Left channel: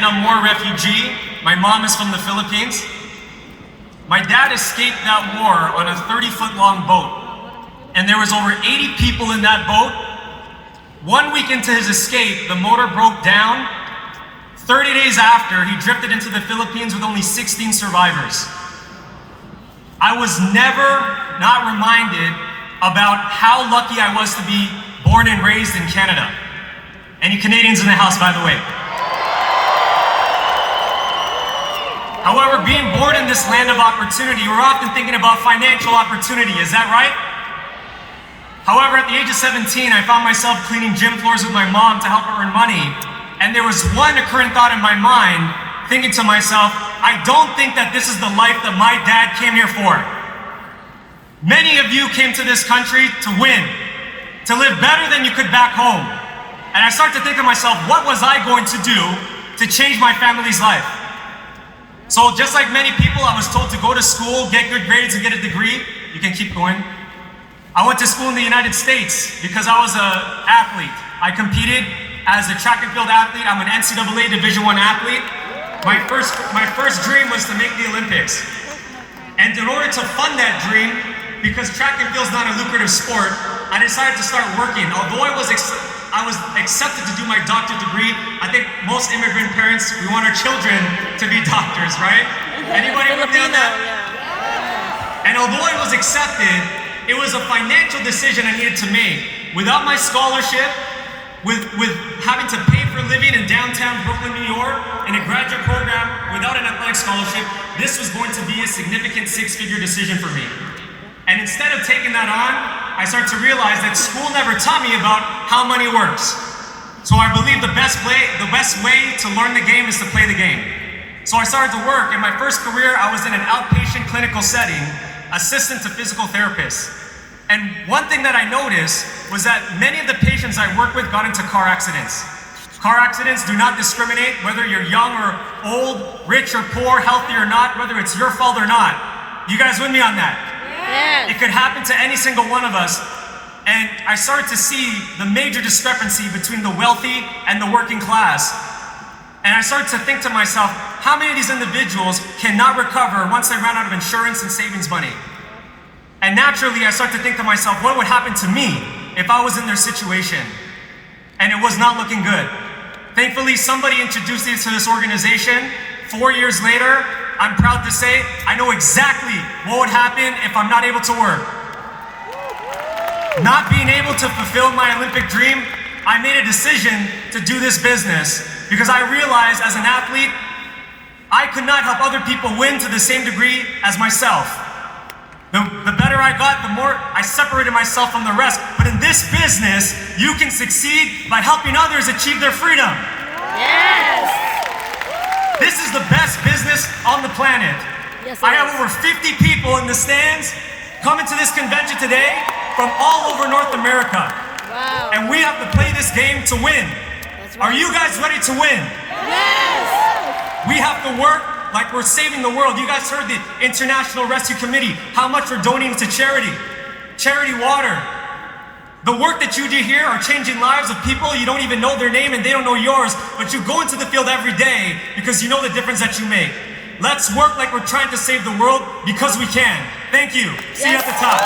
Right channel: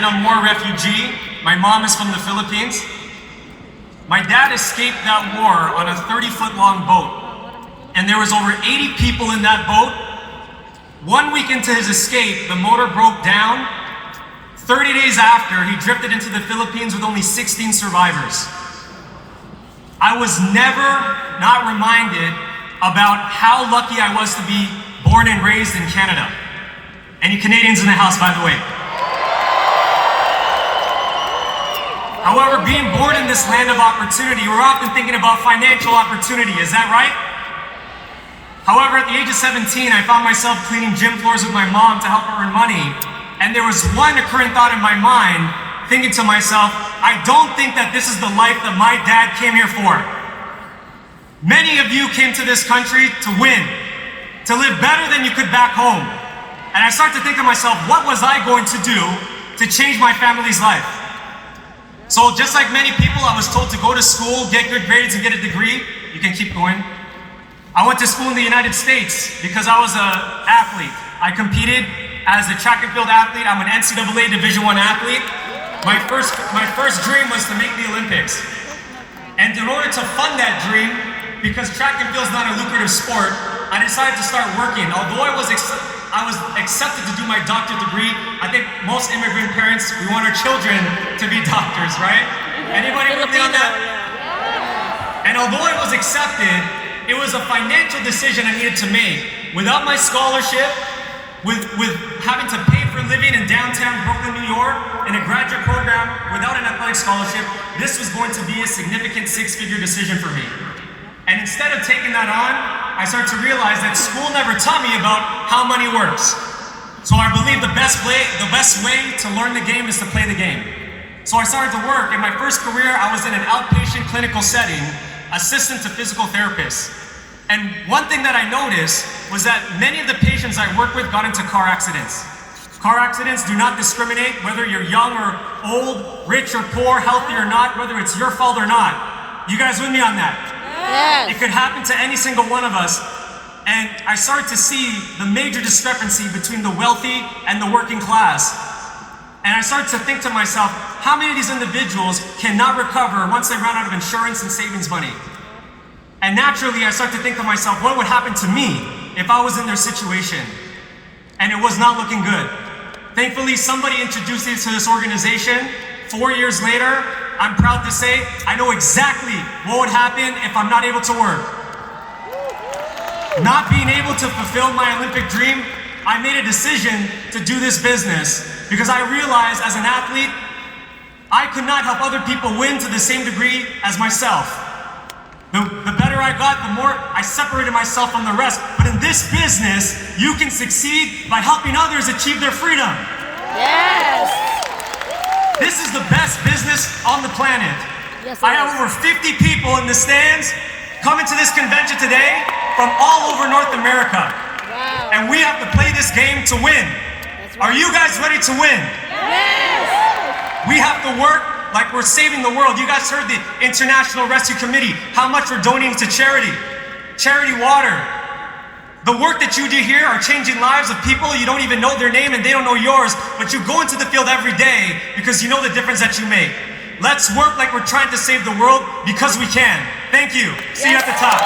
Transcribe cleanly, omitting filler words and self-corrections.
Vietnam War refugee. My mom is from the Philippines. My dad escaped that war on a 30-foot long boat. And there was over 80 people in that boat. 1 week into his escape, the motor broke down. 30 days after, he drifted into the Philippines with only 16 survivors. I was never not reminded about how lucky I was to be born and raised in Canada. Any Canadians in the house, by the way? However, being born in this land of opportunity, we're often thinking about financial opportunity, is that right? However, at the age of 17, I found myself cleaning gym floors with my mom to help her earn money. And there was one occurring thought in my mind, thinking to myself, I don't think that this is the life that my dad came here for. Many of you came to this country to win, to live better than you could back home. And I started to think to myself, what was I going to do to change my family's life? So just like many people, I was told to go to school, get good grades, and get a degree. You can keep going. I went to school in the United States because I was an athlete. I competed as a track and field athlete. I'm an NCAA Division I athlete. My first dream was to make the Olympics. And in order to fund that dream, because track and field is not a lucrative sport, I decided to start working. Although I was accepted to do my doctorate degree, I think most immigrant parents, we want our children to be doctors, right? Anybody Filipino, yeah. And although I was accepted, it was a financial decision I needed to make. Without my scholarship, with having to pay for a living in downtown Brooklyn, New York, in a graduate program, without an athletic scholarship, this was going to be a significant six-figure decision for me. And instead of taking that on, I started to realize that school never taught me about how money works. So I believe the best way to learn the game is to play the game. So I started to work. In my first career, I was in an outpatient clinical setting, assistant to physical therapists. And one thing that I noticed was that many of the patients I worked with got into car accidents. Car accidents do not discriminate whether you're young or old, rich or poor, healthy or not, whether it's your fault or not. You guys with me on that? Yes. It could happen to any single one of us. And I started to see the major discrepancy between the wealthy and the working class. And I started to think to myself, how many of these individuals cannot recover once they run out of insurance and savings money? And naturally, I started to think to myself, what would happen to me if I was in their situation? And it was not looking good. Thankfully, somebody introduced me to this organization. 4 years later, I'm proud to say I know exactly what would happen if I'm not able to work. Not being able to fulfill my Olympic dream, I made a decision to do this business because I realized as an athlete, I could not help other people win to the same degree as myself. The better I got, the more I separated myself from the rest. But in this business, you can succeed by helping others achieve their freedom. Yes! This is the best business on the planet. Yes, I have over 50 people in the stands coming to this convention today from all over North America. Wow. And we have to play this game to win. That's right. Are you guys ready to win? Yes! We have to work like we're saving the world. You guys heard the International Rescue Committee, how much we're donating to charity. Charity water. The work that you do here are changing lives of people. You don't even know their name and they don't know yours, but you go into the field every day because you know the difference that you make. Let's work like we're trying to save the world because we can. Thank you. See you at the top.